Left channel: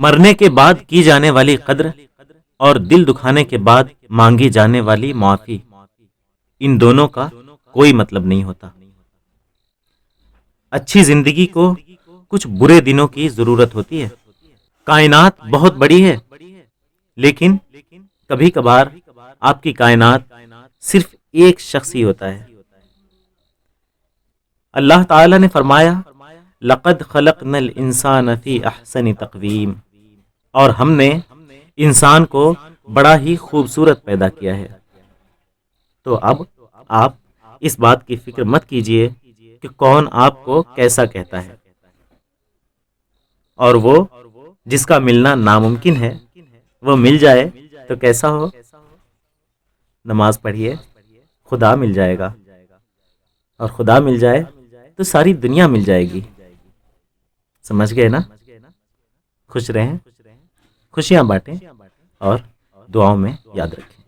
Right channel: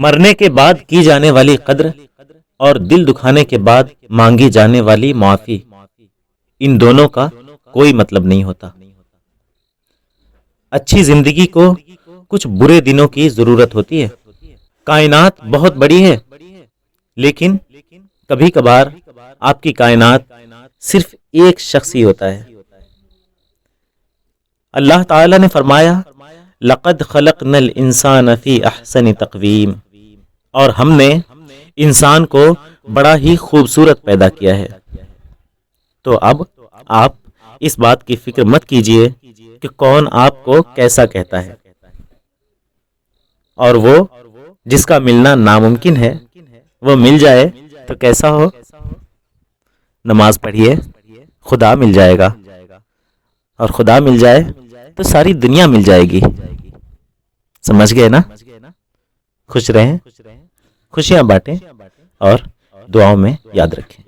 مرنے کے بعد کی جانے والی قدر اور دل دکھانے کے بعد مانگی جانے والی معافی، ان دونوں کا کوئی مطلب نہیں ہوتا۔ اچھی زندگی کو کچھ برے دنوں کی ضرورت ہوتی ہے۔ کائنات بہت بڑی ہے، لیکن کبھی کبھار آپ کی کائنات صرف ایک شخص ہی ہوتا ہے۔ اللہ تعالی نے فرمایا لَقَدْ خَلَقْنَا الْإِنسَانَ فِي أَحْسَنِ تَقْوِيمٍ، اور ہم نے انسان کو بڑا ہی خوبصورت پیدا کیا ہے۔ تو اب آپ اس بات کی فکر مت کیجئے کہ کون آپ کو کیسا کہتا ہے، اور وہ جس کا ملنا ناممکن ہے وہ مل جائے تو کیسا ہو۔ نماز پڑھیے، خدا مل جائے گا، اور خدا مل جائے تو ساری دنیا مل جائے گی۔ سمجھ گئے نا؟ خوش رہیں، خوشیاں بانٹیں، اور دعاؤں میں یاد رکھیں۔